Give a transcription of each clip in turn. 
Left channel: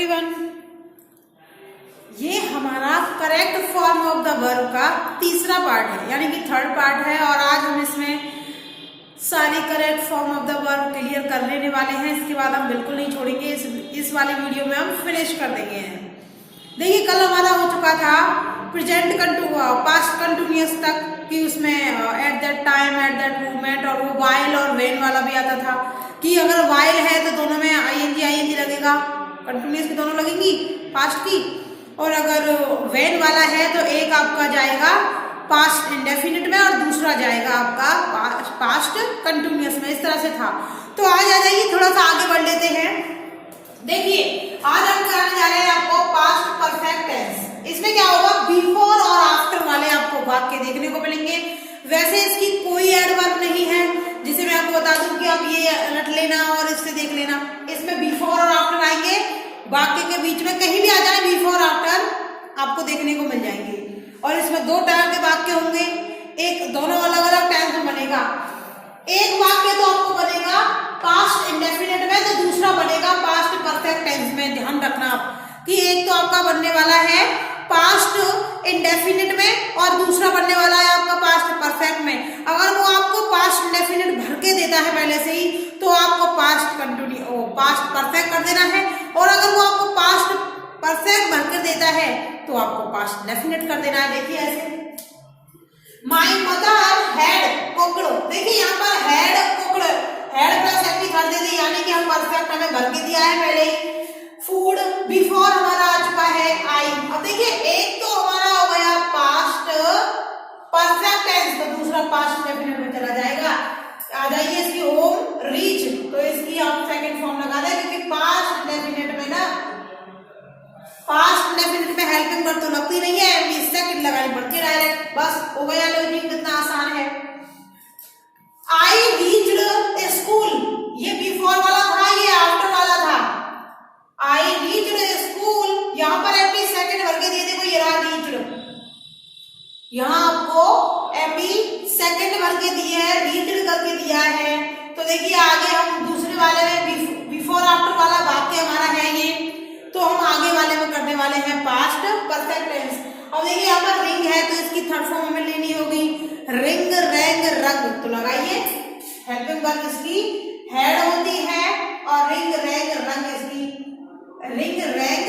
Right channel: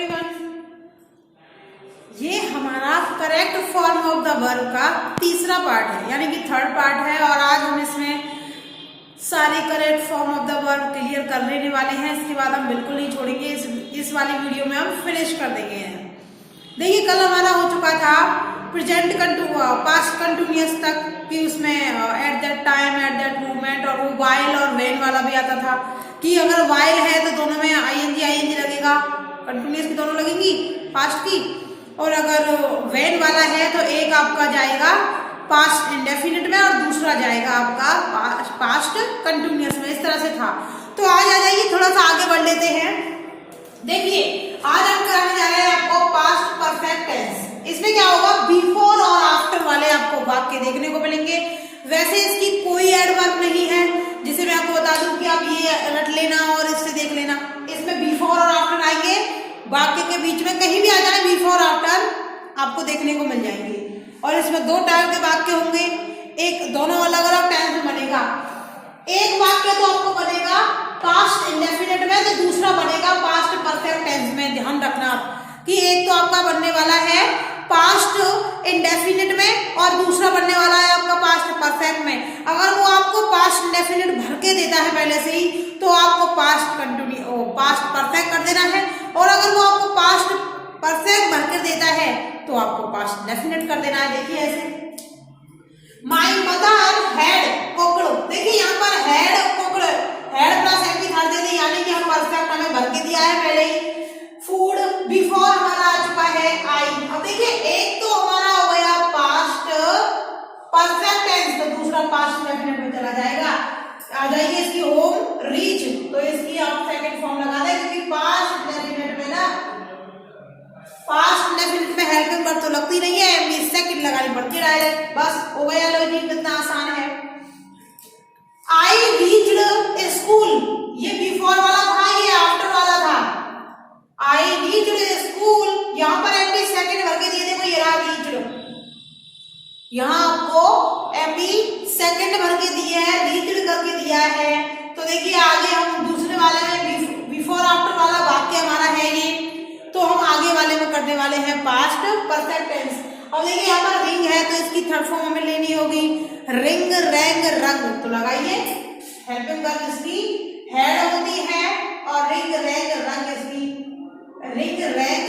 Everyone, ये हमारा correct form of the verb का तीसरा पार्ट है, यानी कि थर्ड पार्ट है। और आज हम इसमें सारी correct form of the verb clear कर लेने वाले हैं। इसके बाद हम बिल्कुल नहीं छोड़ेंगे, इस वाली वीडियो में हम फिनिश कर देंगे। देखिए, कल हमारा हो चुका था प्रेजेंट पास्ट कंटिन्यूअस तक कि उसमें at that time, at that movement, और वो वाइल और व्हेन वाला भी आता था कि अगर वाइल है तो दोनों में आईएनजी लगेगा, कंटिन्यूअस की दोनों लगेंगी पास्ट की, और अगर व्हेन वाला है तो एक आपका जाएगा पास्ट इंडेफिनिट में और दूसरा जाएगा आपका पास्ट कंटिन्यूअस में। इस तरह से था। तो आज आ जाइए, थोड़ा सा आगे बढ़ लेते हैं। देखिए, आज हम कराने जा रहे हैं आपको पास्ट परफेक्ट टेंस। इसमें क्या होगा, बिफोर और आफ्टर वाले आपको वाक्य देखने को मिलेंगे। वैसे इसकी कोई एडवर्ब नहीं है, जिसे मैं आपको बता दूं कि आप ये रट लेना और इससे देख लेना। इसमें बिफोर और आफ्टर आएंगे, वाक्य के बीच में कहीं भी आ जाए बिफोर आफ्टर आपको देखने को मिल जाएंगे। और इसमें दो टाइप के वाक्य होंगे, एक दोनों अलग अलग टाइम में बनेगा। एक वाक्य तो आपको बनेगा पास्ट इंडेफिनिट में, तो दूसरा बनेगा पास्ट परफेक्ट टेंस में। ध्यान रखना आप कि एक तो आपका बनने वाला है पास्ट इंडेफिनिट में और दूसरा बनने वाला है आपका पास्ट परफेक्ट में। अगर वो आपको पास्ट इंडेफिनिट भर के देता है पहले से ही, तो आपको पास्ट परफेक्ट कर देना है, और अगर वो आपको पास्ट परफेक्ट भर कर देता है तो आपको पास्ट इंडेफिनिट कर देना है। देखिए ऐसे, माय मदर हैड कुक्ड। देखिए यहाँ पर had cooked, had plus anti कर देंगे, यानी कि हम परफेक्ट हमें भर के दिया है पहले ही। फूड बिफोर हमारा आ चुका है आई। अब देखिए, एक तो हमारा हो गया पास्ट परफेक्ट टेंस, तो दूसरा पास्ट इंडेफिनिट में चला जाएगा। आ जाइए इसकी होम रीच, तो इसकी आप सेकंड फॉर्म लगा दें, क्योंकि पास्ट इंडेफिनिट में ना, पास्ट इंडेफिनिट में हेल्पिंग वर्ब तो लगती नहीं है, सेकंड लगानी पड़ती है डायरेक्ट। बस हो गया, लॉजिक कितना आसान है। आई रीच्ड स्कूल, ये बिफोर वाला था, ये आफ्टर वाला था। आई रीच्ड स्कूल, यहां पर एमपी सेकंड भर के दिए थे, ये रहा रीच्ड। यहां आपको एमपी सेकंड भर के दिया है, रीच्ड करके दिया है। तो देखिए आगे हम दूसरे वाले में बिफोर आफ्टर वाला वाक्य हमारा है ये, तो हम आगे वाले में करने वाले हैं पास्ट परफेक्ट टेंस। अब देखिए यहाँ पर रिंग है, तो इसकी थर्ड फॉर्म हमें लेनी होगी रिंग, रैंग, रंग। तो लगाइए, हेल्पिंग वर्ब इसकी हेड होती है, और रिंग, रैंग, रंग इसकी रिंग, रैंग,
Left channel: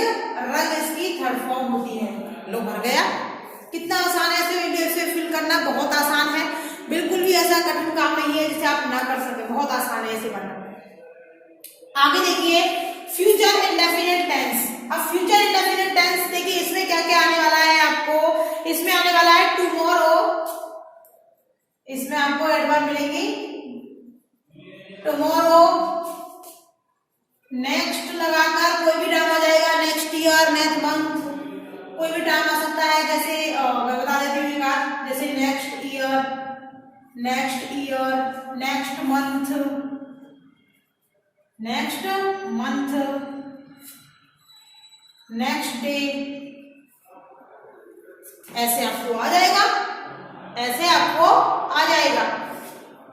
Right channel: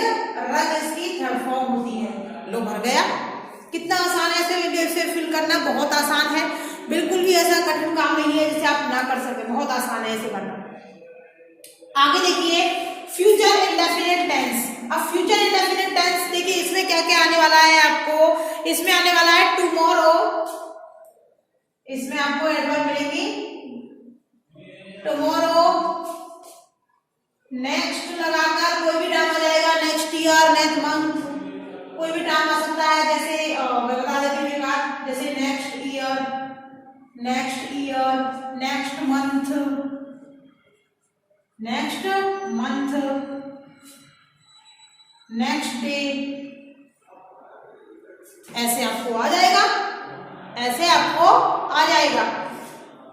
रंग इसकी थर्ड फॉर्म होती है। लो, भर गया। कितना आसान है इसे फिल करना, बहुत आसान है, बिल्कुल भी ऐसा कठिन काम नहीं है जिसे आप ना कर सके, बहुत आसान है इसे करना। आगे देखिए, फ्यूचर इंडेफिनिट टेंस। अब फ्यूचर इंडेफिनिट टेंस देखिए, इसमें क्या क्या आने वाला है आपको। इसमें आने वाला है टुमारो, इसमें आपको एडवर्ब मिलेंगी टुमारो, नेक्स्ट लगाकर कोई भी टाइम आ जाएगा, नेक्स्ट ईयर, नेक्स्ट मंथ, कोई भी टाइम आ सकता है। जैसे मैं बता देती हूँ बात, जैसे next year, next year, next month, next month, next day, ऐसे आपको आ जाएगा, ऐसे आपको आ जाएगा।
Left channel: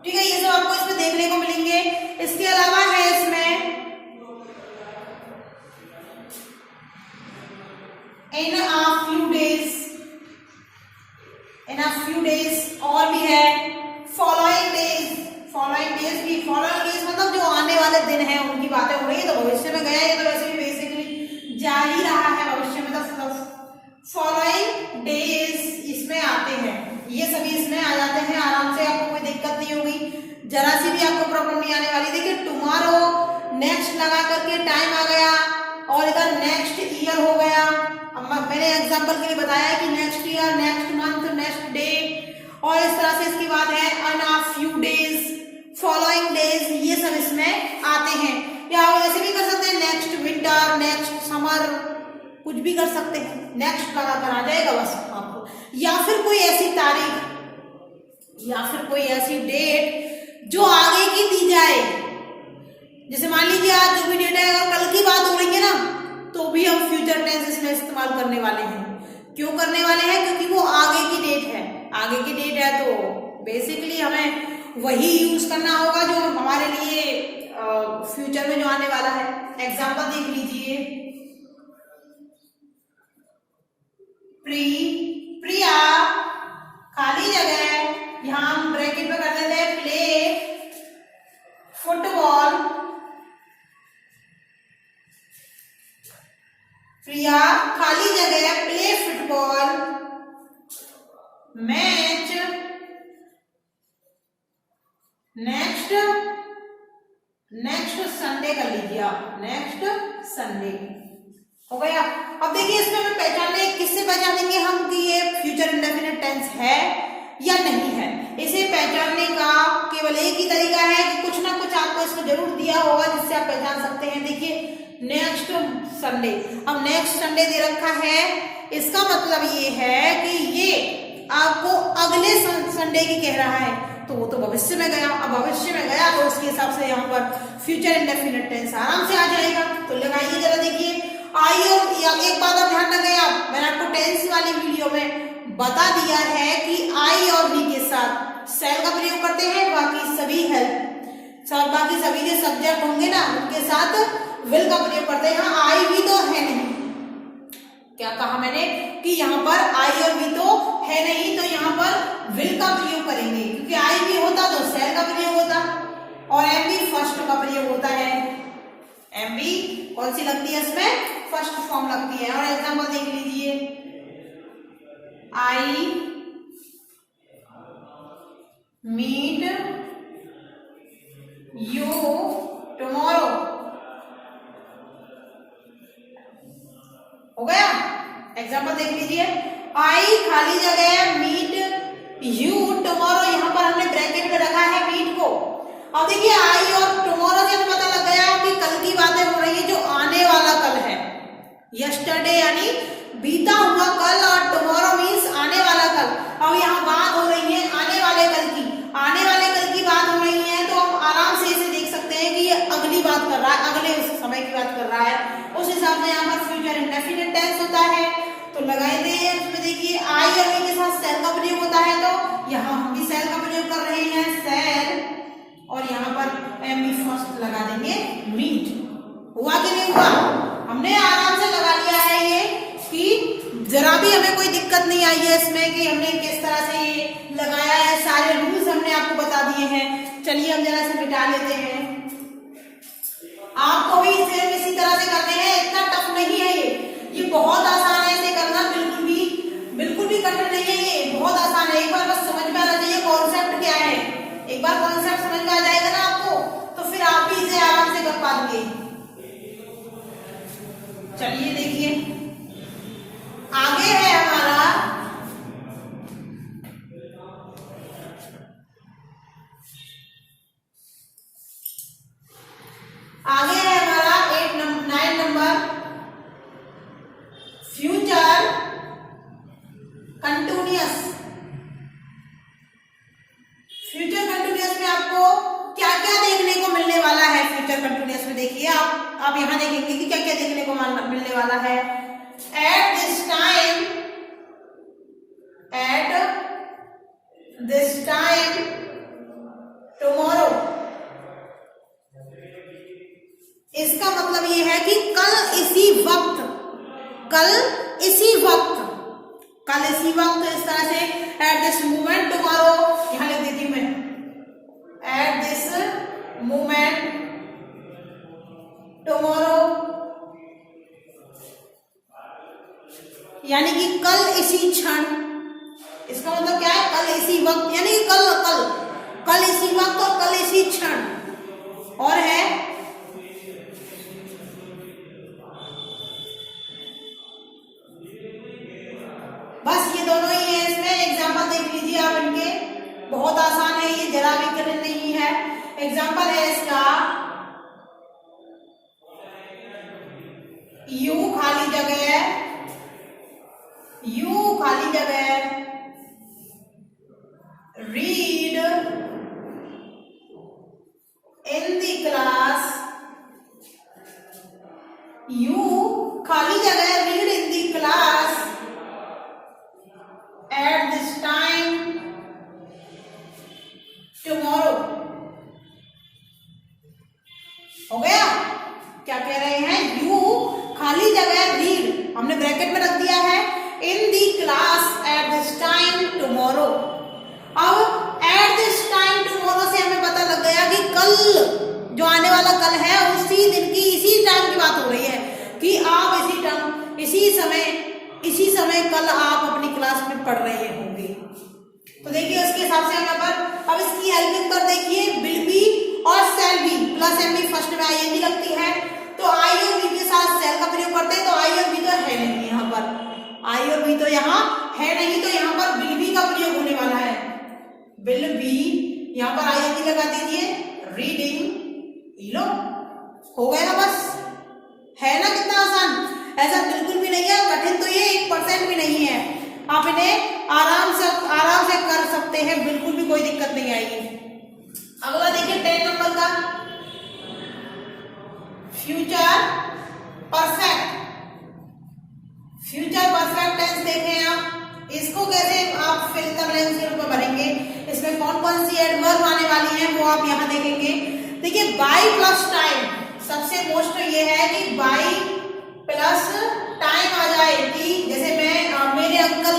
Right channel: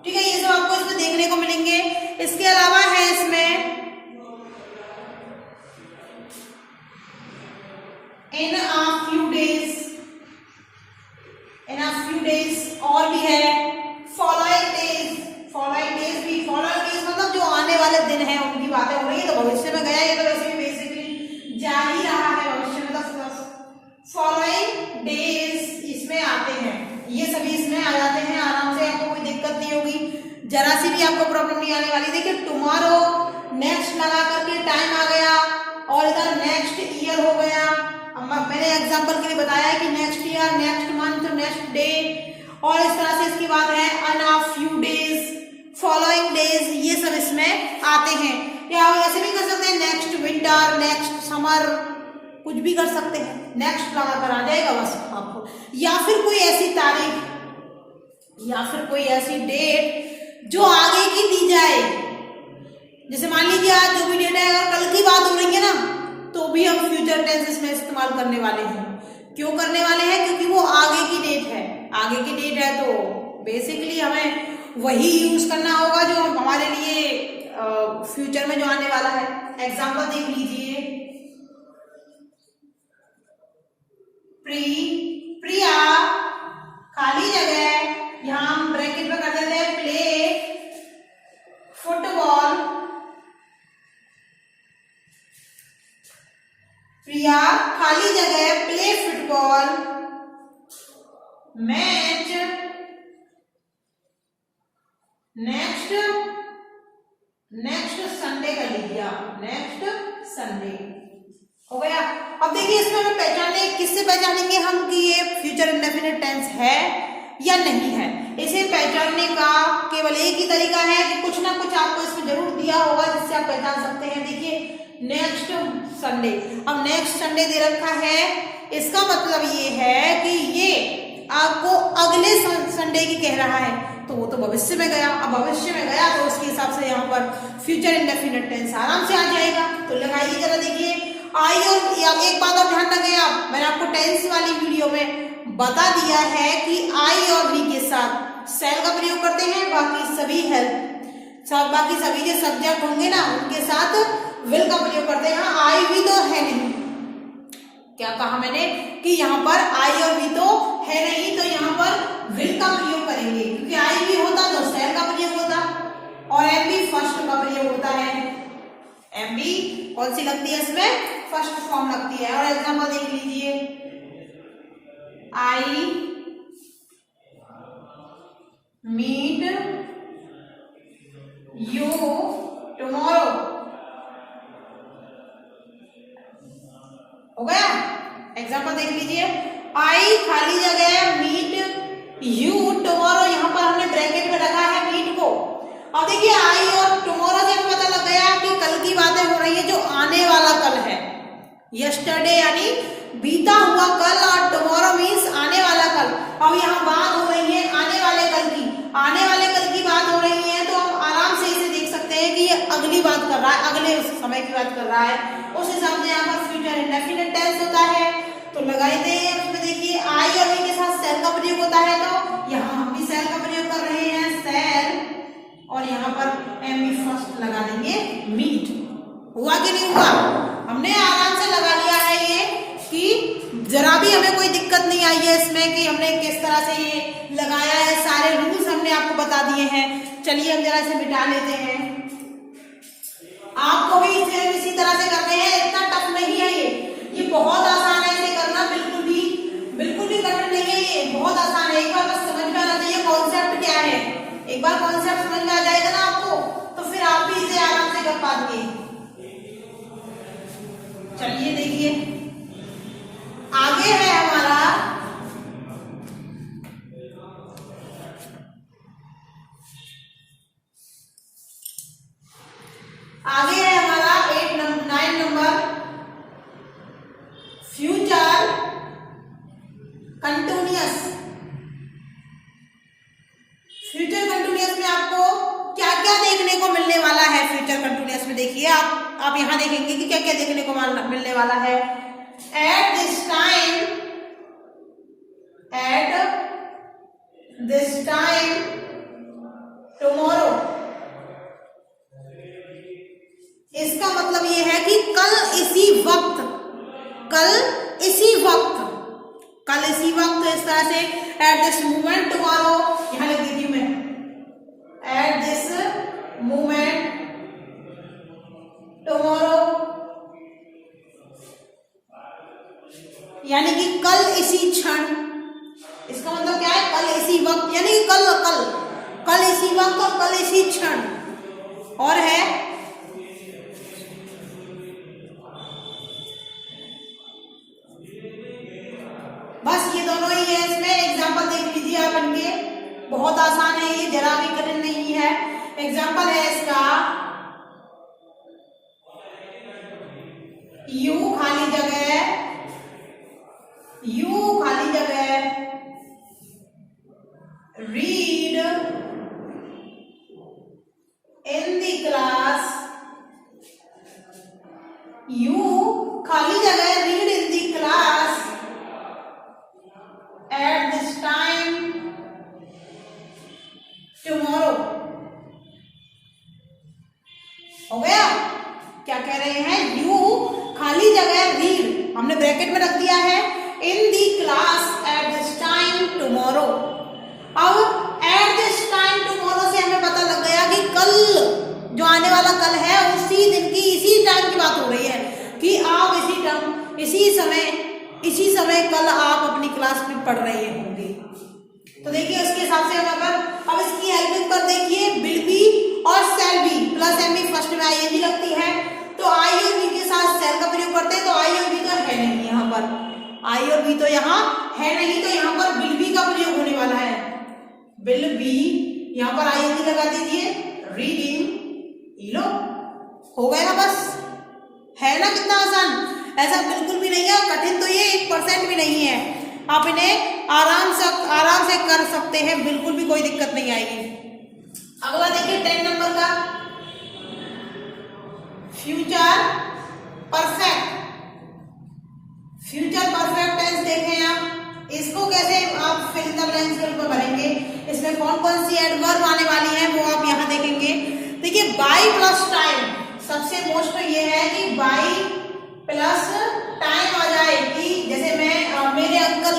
ठीक है, ये सब आपको इसमें देखने को मिलेंगे। इसके अलावा है इसमें in a few days, in a few days, और भी है फॉलोइंग डेज, फॉलोइंग डेज भी, फॉलोइंग डेज मतलब जो आने वाले दिन हैं उनकी बातें हो रही है। तो भविष्य में गया, ये तो वैसे भी बेसिकली जा ही रहा है भविष्य में, तो फॉलोइंग डेज इसमें आते हैं, ये सभी इसमें आ जाते हैं आराम से, आपको कोई दिक्कत नहीं होगी, जरा सी भी आपको प्रॉब्लम नहीं आने वाली। देखिए टुमारो, नेक्स्ट लगा करके टाइम आ गया, और इधर नेक्स्ट ईयर हो गया। अब मैंने एग्जांपल के लिए बताया कि next year, next month, next day, और इस तरह से इसकी बात है in a few days, following days, ये सब इसमें आते हैं। या ऐसे भी कर सकते हैं, नेक्स्ट विंटर, नेक्स्ट समर, कुछ भी कर सकते हैं, नेक्स्ट लगाकर आ जाएगा बस आपको। या फिर कोई ऐसी तारीख, या फिर कोई ऐसी डेट जो आगे की दी जाए, जैसे मान लीजिए आज जो भी डेट है, कल की बात हो रही है ना, तो भी हम फ्यूचर टेंस इसमें इस्तेमाल करने वाले हैं। क्यों करने वाले हैं, क्योंकि वो आगे की डेट है, आगे की डेट है तो बेसिकली हमें वही यूज करना होगा जो हमारे लिए फ्यूचर में जो आने वाला है। एग्जांपल देख लीजिए, प्रिया खाली जगह, यहाँ हम ब्रैकेट में कर देते हैं प्ले फुटबॉल। प्रिया खाली जगह play football match next Sunday कर लीजिए आप, नेक्स्ट संडे हो गया। अब देखिए इसमें हमें पहचानने, किससे पहचानेंगे हम कि ये फ्यूचर इंडेफिनिट टेंस है या नहीं है। इसे पहचानने का केवल एक ही तरीका है कि कुछ ना कुछ आपको इसमें जरूर दिया होगा जिससे आप पहचान सकते हैं। देखिए नेक्स्ट संडे, अब नेक्स्ट संडे दे रखा है, इसका मतलब ये है कि ये आपको अगले संडे की कह रहा है, तो वो तो भविष्य में गया। अब भविष्य में गया तो उसके हिसाब से यहाँ पर फ्यूचर इंडेफिनिट टेंस आराम से आ जाएगा। तो लगाइए जरा, देखिए आई और एक बात आप ध्यान रखिए, आप मैंने आपको टेंस वाली वीडियो में बता दिया है कि आई और बी के साथ सेल का प्रयोग करते हैं, बाकी सभी बाकी सभी जो सब्जेक्ट होंगे ना उनके साथ विल का प्रयोग करते हैं। यहाँ आई भी तो है नहीं, क्या कहा मैंने कि यहाँ पर आई और बी तो है नहीं, तो यहाँ पर विल का प्रयोग करेंगे, क्योंकि आई भी होता तो सेल का प्रयोग होता और एम बी फर्स्ट का प्रयोग होता है। एम बी कौन सी लगती है इसमें, फर्स्ट फॉर्म लगती है। और एग्जाम्पल देख लीजिए, आई मीट यू टुमारो, हो गया। एग्जाम्पल देख लीजिए, आई खाली जगह मीट यू टुमारो, यहाँ पर हमने ब्रैकेट में रखा है मीट को। अब देखिए आई और टुमारो से पता लग गया कि कल की बातें हो रही है, जो आने वाला कल है। यस्टरडे यानी बीता हुआ कल और टुमारो मीन्स आने वाला कल। अब यहाँ बात हो रही है आने वाले कल की, आने वाले कल की बात हो रही है, तो हम आराम से इसे देख सकते हैं कि ये अगली बात कर रहा है, अगले समय की बात कर रहा है। उस हिसाब से यहाँ पर फ्यूचर इंडेफिनिट टेंस होता है। तो लगाई दे, उसमें देखिए आई और बी के साथ सेल का प्रयोग होता है, तो यहाँ हम भी सेल का प्रयोग कर रहे हैं, सेल, और यहाँ पर एम बी फर्स्ट लगा देंगे मीट। हुआ कि नहीं हुआ, हमने आराम से लगा लिया है ये, कि जरा भी हमें कोई दिक्कत नहीं आई है इसमें कि हमने किस तरह से ये लगाया है। सारे रूल्स हमने आपको बता दिए हैं। चलिए हम जरा से मिटा लेते हैं, आपको भी इसे इसी तरह से करते हैं, इतना टफ नहीं है ये बहुत आसान है इसे करना, बिल्कुल भी कठिन नहीं है, ये बहुत आसान है। एक बार बस समझ में आना चाहिए कॉन्सेप्ट क्या है। एक बार कॉन्सेप्ट समझ में आ जाएगा ना आपको, तो फिर आप भी इसे आराम से कर पाएंगे। चलिए देखिए आगे है हमारा आगे है हमारा 9 number, future continuous. Future continuous में आपको क्या क्या देखने को मिलने वाला है। फ्यूचर कंटिन्यूअस में देखिए आप यहां देखेंगे कि क्या क्या देखने को मिलने वाला है। एट दिस टाइम टुमारो, इसका मतलब ये है कि कल इसी वक्त, इस तरह से एट दिस मोमेंट टुमारो, यहां लिख देती हूं मैं, एट दिस मोमेंट टुमारो, यानी कि कल इसी क्षण। इसका मतलब क्या है, कल इसी वक्त, यानी कि कल इसी वक्त और कल इसी क्षण। और है बस ये दोनों ही है। इसमें एग्जाम्पल देख लीजिए आप इनके, बहुत आसान है ये, जरा भी कठिन नहीं है। एग्जाम्पल है इसका, यू खाली जगह read in the class, you खाली जगह read in the class at this time tomorrow. हो गया, क्या कह रहे हैं, यू खाली जगह रीड, हमने ब्रैकेट में रख दिया है, इन दी जो आने वाला कल है उसी दिन की इसी टाइम की बात हो रही है कि आप इसी समय कल आप अपनी क्लास में पढ़ रहे होंगे। तो देखिए उसके हिसाब से यहाँ पर अब इसकी हेल्पिंग पर देखिए विल बी और shall be plus M B first में आई भी लगती है, तो आई और बी के साथ शैल का प्रयोग करते हैं, तो आई और बी तो है नहीं यहाँ पर, आई और बी तो यहाँ है नहीं, तो यहाँ पर विल बी का प्रयोग होने वाला है। विल बी यहाँ पर आई और बी लगा दीजिए, रीडिंग लो, हो गया बस, है ना कितना आसान। ऐसा बिल्कुल भी नहीं है, कठिन तो ये 1% भी नहीं है, आप इन्हें आराम से कर सकते हैं, बिल्कुल भी कोई दिक्कत नहीं आएगी। अगला देखिए 10 नंबर का फ्यूचर परफेक्ट टेंस देखें आप, इसको कैसे आप फिल द ब्लैंक्स के रूप में भरेंगे, इसमें कौन कौन सी एडवर्ब आने वाली है वो आप यहाँ देखेंगे। देखिए बाई प्लस टाइम, सबसे मोस्ट ये है कि बाई प्लस टाइम आ जाए, कि जैसे मैं मेरे अंकल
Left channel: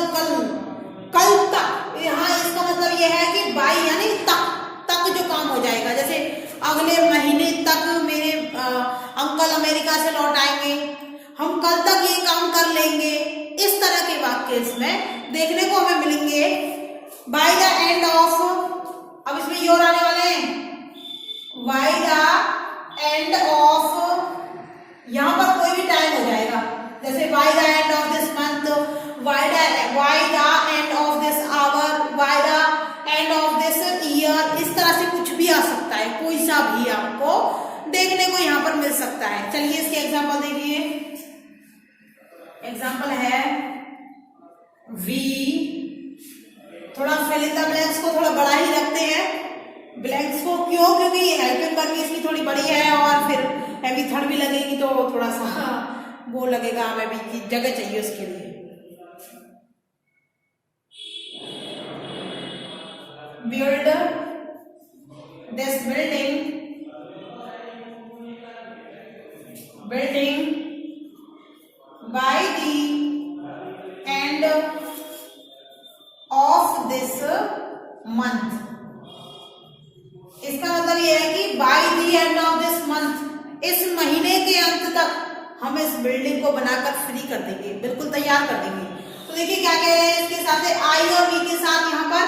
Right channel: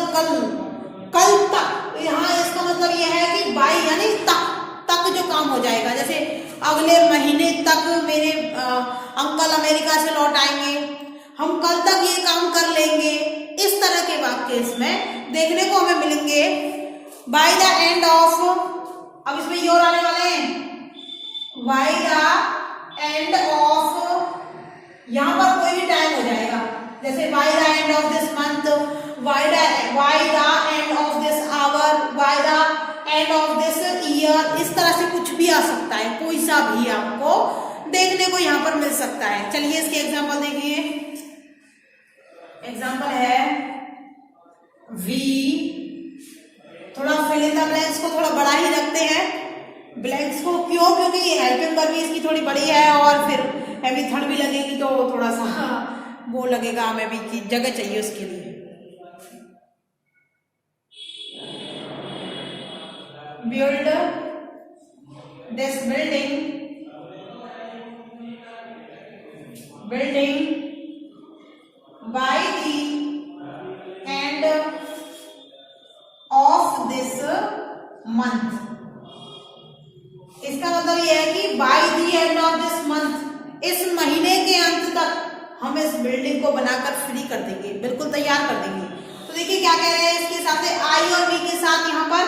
कल तक, यहाँ इसका मतलब यह है कि बाई यानी तक जो काम हो जाएगा, जैसे अगले महीने तक मेरे अंकल अमेरिका से लौट आएंगे, हम कल तक ये काम कर लेंगे, इस तरह के वाक्य इसमें देखने को हमें मिलेंगे। बाय द एंड ऑफ, अब इसमें योर आने वाले हैं, बाय द एंड ऑफ, यहाँ पर कोई भी टाइम हो जाएगा, जैसे by the end of this month, by the end of this hour, by the end of this year, इस तरह से कुछ भी आ सकता है, कोई सा भी आपको देखने को यहाँ पर मिल सकता है। चलिए इसके एग्जाम्पल देखिए, एग्जाम्पल है वी, थोड़ा फिल इन द ब्लैंक्स को थोड़ा बड़ा ही रखते हैं, ब्लैंक्स को क्यों, क्योंकि ये हेल्पिंग वर्ब इसकी थोड़ी बड़ी है और फिर हैवी थर्ड भी लगेगी तो थोड़ा सा वो लगेगा, हमें भी जगह चाहिए उसके लिए। Build this building by the end of this month, इसका मतलब यह है कि by the end of this month, इस महीने के अंत तक हम इस बिल्डिंग को बनाकर फ्री कर देंगे, बिल्कुल तैयार कर देंगे। तो देखिए क्या कह रहे हैं, इसके साथ से आई और बी के साथ यहाँ पर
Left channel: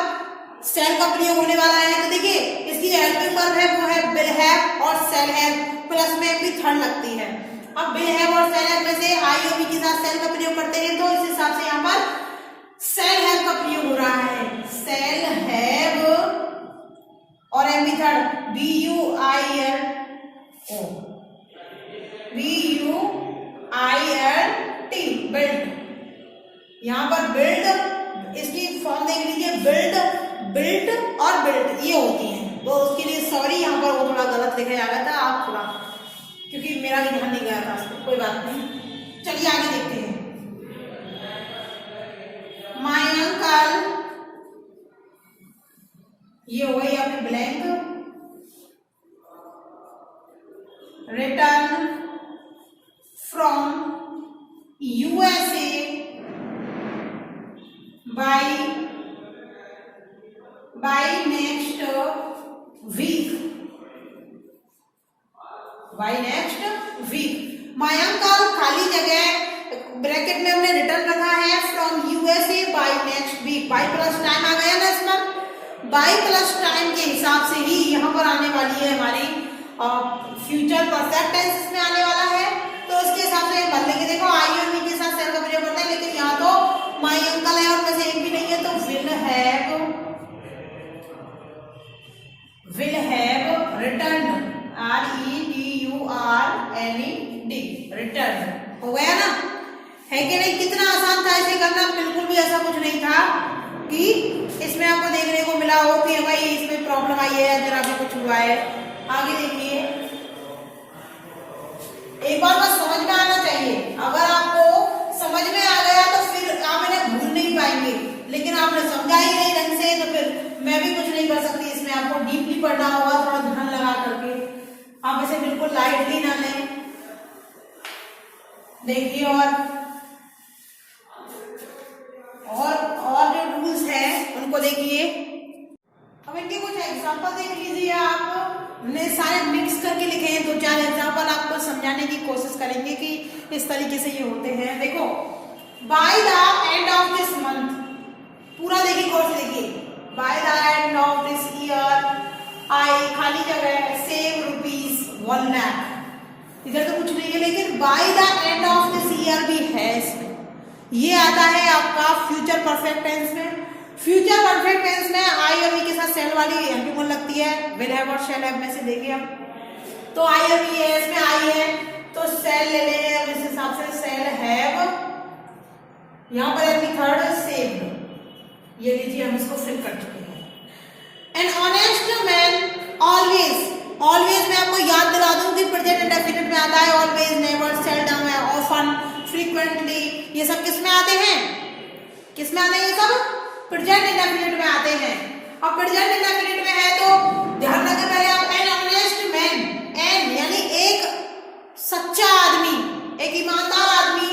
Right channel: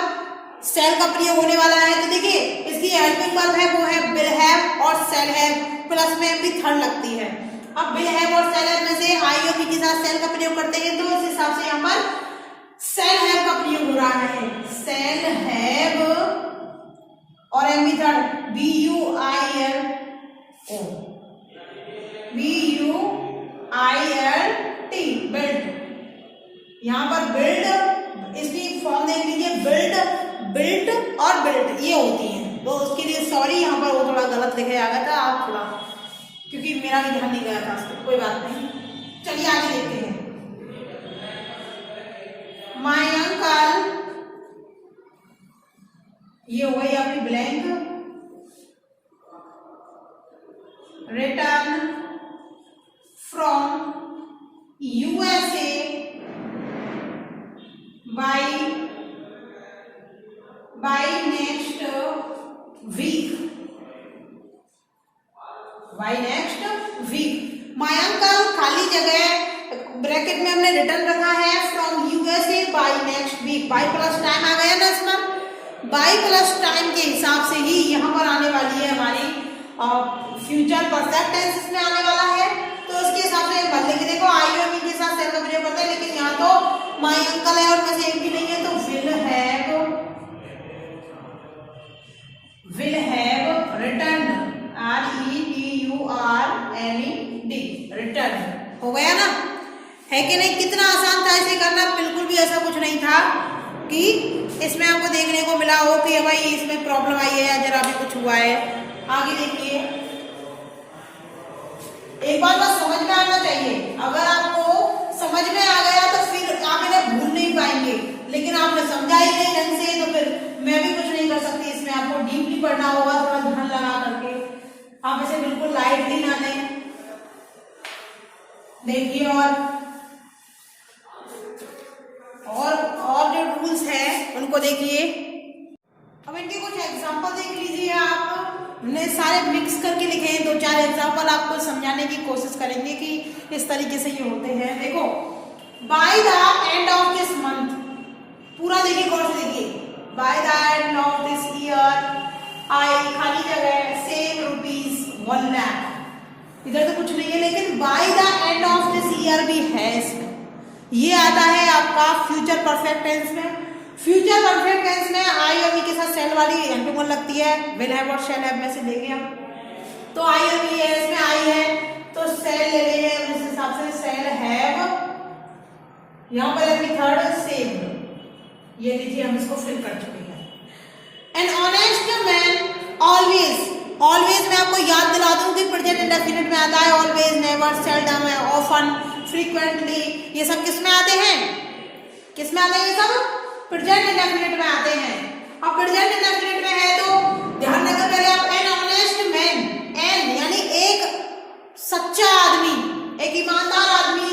सेल का प्रयोग होने वाला है, तो देखिए इसकी हेल्पिंग वर्ब है वो है विल हैव और सेल हैव, प्लस में भी थर्ड लगती है। अब विल हैव और सेल हैव में से आई और बी के साथ सेल का प्रयोग करते हैं, तो इस हिसाब से यहाँ पर सेल हैव का प्रयोग हो रहा है, सेल हैव और M B third BUILD, build, यहाँ पर बिल्ड, इसकी फॉर्म देख लीजिए, बिल्ड और बिल्ड ये होती हैं, तो उसके लिए सॉरी, यहाँ पर वो थोड़ा गलत लिखा गया था, आप थोड़ा, क्योंकि मेरा भी ध्यान नहीं गया था उसको, कोई बात नहीं। चलिए आगे देखते हैं, माय अंकल, ये हो गई आपकी blank, return from USA by next week, my uncle, खाली जगह ब्रैकेट में हमने रिटर्न रखा है, from USA by next week, by plus time आ गया ना, इसमें बाई प्लस टाइम के हिसाब से ही यहाँ पर आने वाली है हमारी फ्यूचर परफेक्ट टेंस इसमें आने वाला है, तो उसके हिसाब से भर लेंगे। देखो आई और बी के साथ सेल का प्रयोग करता है, लेकिन यहाँ तो माय अंकल है और में से एक भी नहीं है, तो will have return, RETURNED, return हो गया ना, है कि नहीं। कितना आसान था इसे करना, बिल्कुल भी ऐसा कुछ नहीं था कि इसमें आपको देखने को मिला हो कि भाई इसमें प्रॉब्लम आई है या जरा भी कुछ हुआ है। आगे देखिए, एक बार बस समझ में आना चाहिए, अगर आपको समझ में आ गया तो फिर आप इन्हें भूल नहीं पाएंगे, लेकिन आपने समझा ही नहीं ढंग से तो फिर मैं भी कुछ नहीं कर सकती, इसमें आपको डीपली पढ़ना होगा, थोड़ा ध्यान लगा करके, आप इसे बिल्कुल लाइटली ना लें। देखिए और जो रूल्स हैं उनको देखिए, अब इनके कुछ एग्जांपल देख लीजिए, आप ने सारे मिक्स करके इस तरीके से ये होते हैं। देखो, bye the end of this month, पूरा देखिए गौर से देखिए, bye the end of this year I खाली जगह सेव ₹1 लाख। इधर तो कुछ नहीं है, लेकिन bye the end of this year भी है। ये आता है आपका फ्यूचर परफेक्ट टेंस में। फ्यूचर परफेक्ट टेंस में आई अभी के साथ सेल वाली एंटोमन लगती है, विल हैव और शैल हैव में से देंगे हम। तो आई अभी है, इसमें आई है तो सेल ले लेंगे अब इस हिसाब से, सेल हैव, यहां पर है थर्ड सेव्ड, ये लीजिए हम इसको फिल कर चुके हैं। An honest man always, always मैं आपको याद दिला दूं कि प्रेजेंट इंडेफिनिट में आता है always, never, seldom, often, frequently, ये सब किस में आते हैं, किस में आते हैं, ये सब प्रेजेंट इंडेफिनिट में आते हैं। अब प्रेजेंट इंडेफिनिट में है तो ध्यान रखना पहले आप, एन ऑनेस्ट मैन, एन यानी एक सच्चा आदमी, एक ईमानदार आदमी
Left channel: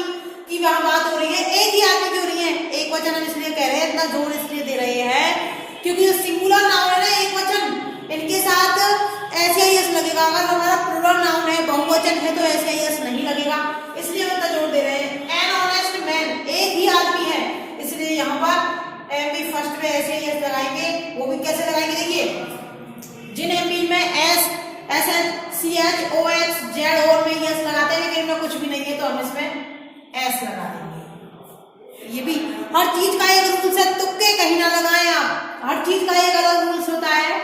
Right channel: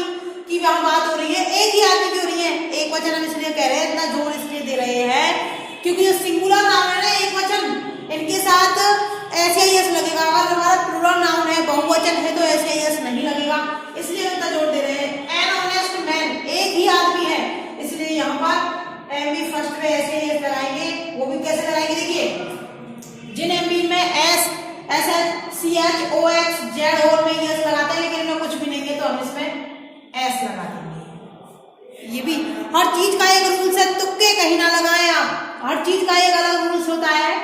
की वहां बात हो रही है, एक ही आदमी की हो रही है। एक वचन हम इसलिए कह रहे हैं, इतना जोर इसलिए दे रहे हैं क्योंकि जो सिंगुलर नाउन है ना, एक वचन, इनके साथ एस लगेगा। अगर हमारा प्लूरल नाउन है, बहुवचन है, तो एस नहीं लगेगा, इसलिए उतना जोर दे रहे हैं। एन ऑनेस्ट मैन, एक ही आदमी है, इसलिए यहाँ पर एमबी फर्स्ट में एस लगाएंगे। वो भी कैसे लगाएंगे, देखिए, जिन एमबी में S H O X Z और में यस लगाते हैं, लेकिन इनमें कुछ भी नहीं है तो हम इसमें एस लगा देंगे। ये भी हर चीज का एक रूल्स है, तुक्के कहीं ना लगाएं आप, हर चीज का एक अलग रूल्स होता है।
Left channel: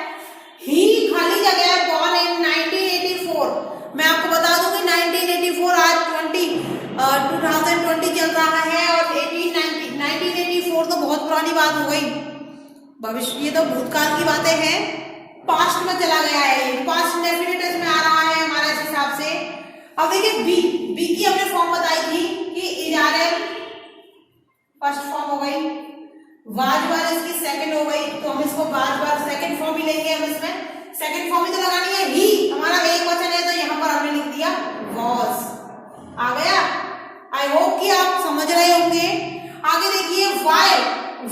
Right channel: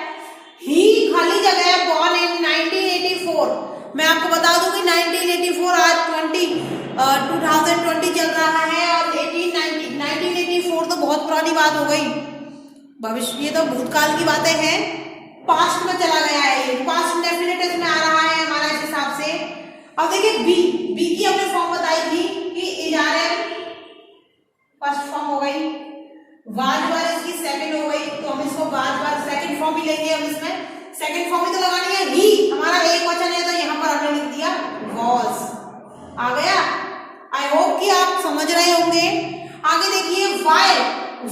ही खाली जगह बॉर्न इन 1984, मैं आपको बता दूं कि 1984 आज 2020 चल रहा है और 1984 तो बहुत पुरानी बात हो गई, भविष्य, ये तो भूतकाल की बातें हैं, पास्ट में चला गया है, पास्ट इंडेफिनिट में आ रहा है हमारा इस हिसाब से। अब देखिए बी की हमने फॉर्म बताई थी कि इजारे फर्स्ट फॉर्म हो गई, वाज बार इसकी सेकंड हो गई, तो हम इसको वाज बार सेकंड फॉर्म ही लेंगे। हम इसमें सेकंड फॉर्म ही तो लगानी है, ही हमारा एक वचन है तो यहाँ पर हमने लिख दिया वॉज, आ गया। आई होप कि आप समझ रहे होंगे। आगे देखिए वाइल,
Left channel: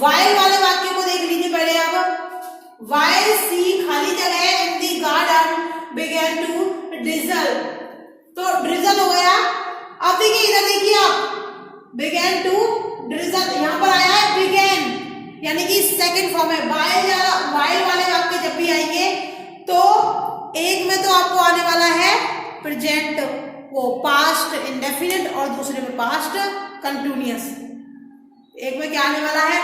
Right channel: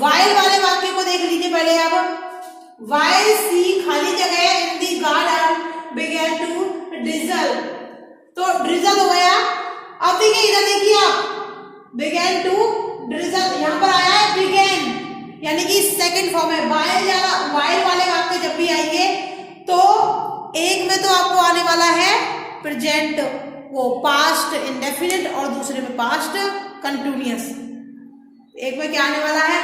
वाइल वाले वाक्य को देख लीजिए पहले आप। वाइल सी खाली जगह इन दी गार्डन बिगेन टू ड्रिजल, तो ड्रिजल हो गया। अब देखिए इधर देखिए आप, बिगेन टू ड्रिजल, यहाँ पर आया है बिगेन, यानी कि सेकंड फॉर्म है। वाइल वाले वाक्य जब भी आएंगे तो एक में तो आपको आने वाला है प्रेजेंट, वो पास्ट इंडेफिनिट, और दूसरे में पास्ट कंटिन्यूअस। एक में क्या आने वाला है,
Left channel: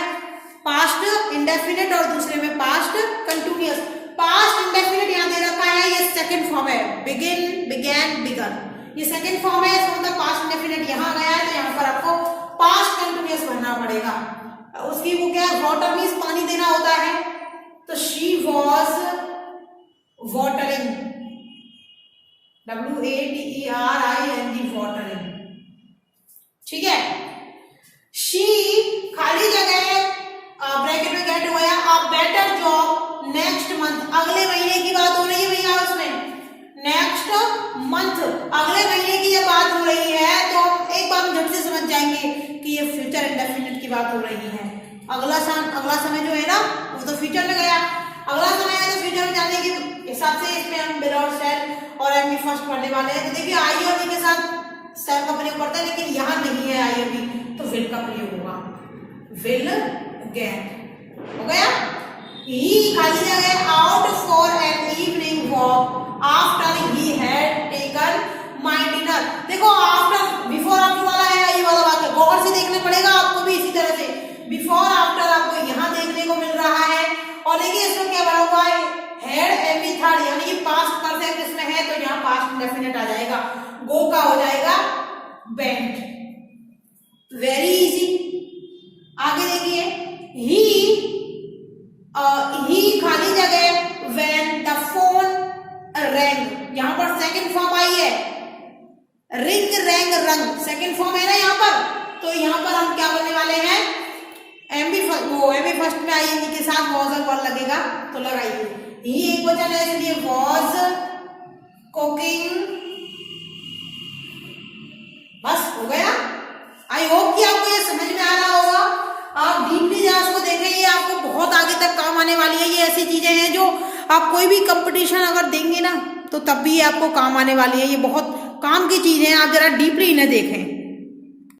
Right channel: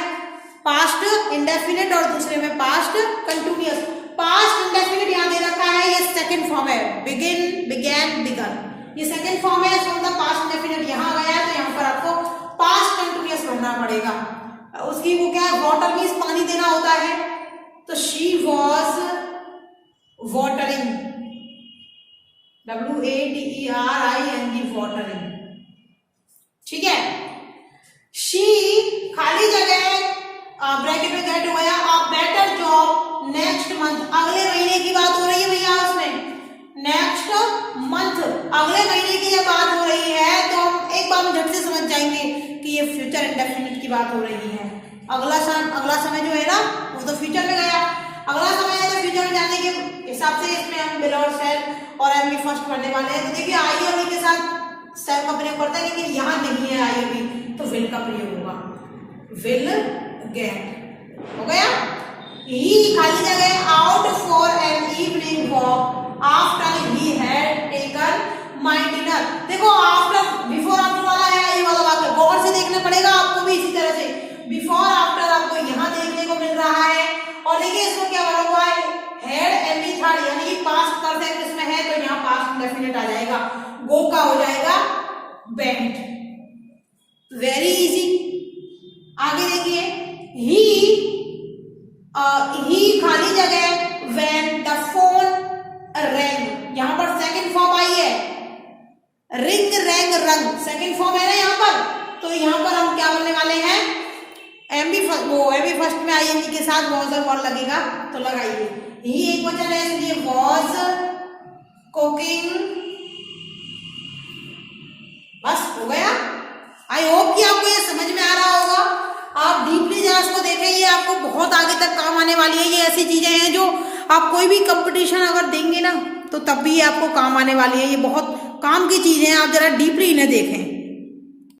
पास्ट इंडेफिनिट, और दूसरे में पास्ट कंटिन्यूअस। पास्ट इंडेफिनिट यहाँ दे रखा है, ये सेकंड फॉर्म है, बिगिन, बिगैन, बिगन, ये सेकंड फॉर्म है। इसका मतलब पास्ट इंडेफिनिट यहाँ गया तो यहाँ पर आपको पास्ट कंटिन्यूअस भरना पड़ेगा। उसकी वो क्या है, वाटर मीन्स पानी देना होता है, तो she was watering, WATERING, watering, ठीक है। शी खाली जगह ब्रैकेट में गेट हो गया, a better job next month, अगले महीने की बात हो रही है भैया, उसमें नेक्स्ट मंथ, अगले महीने की जब बात हो रही है तो हम एक बार झट से समझ जाएंगे कि ये फ्यूचर इंडेफिनिट की बात हो रही है। अगला समय जो है ना वो तो फ्यूचर में गया, अगला समय है तो फ्यूचर में जाने के हिसाब से इसमें हम विल और शैल और एम बी फर्स्ट पढ़ने वाले हैं। तो देखिए आई और बी के साथ शैल का प्रयोग पड़ता है, लेकिन यहाँ नहीं है आई और बी, तो विल का प्रयोग होगा, विल गेट हो गया। ही खाली जगह out for an evening walk after he had taken my dinner. देखो आफ्टर, बिफोर आफ्टर वाला है ये वाला वाक्य, गौर से देखना पड़ेगा आपको भी इसी तरह से। बिफोर आफ्टर आपको यहाँ देखने को मिल रहा है, और देखिए इसमें क्या बना हुआ है, हैड एम बी थर्ड, यानी कि पास्ट परफेक्ट इसमें है तो यहाँ पास्ट इंडेफिनिट आ जाएगा, गो का हो जाएगा वेंट, वेरी इजी। आगे देखिए ही खाली जगह व्हेन द फोन रैंग, यहाँ पर सेकंड फॉर्म आई है, रिंग रैंग रंग, सेकंड फॉर्म है ना यहाँ पर, तो यहाँ पर हम क्या करने वाले हैं, एमबी फर्स्ट में आईएनजी के साथ वॉज वर्ड लगेगा तो लगाइए। ही एक वचन है इसलिए वॉज कुकिंग, बस हो गया। आई होप कि आपको ये समझ में आ रहा होगा। आप डीपली जरा इसको देखें, ये आपको बहुत आगे तक काम आने वाली है। ये ऐसी चीजें हैं जो आप कोई भी कंपटीशन अगर देंगे ना तो तब भी आपको काम आने वाली है। ये बहुत काम की चीजें हैं, आप जरा डीपली इन्हें देखें।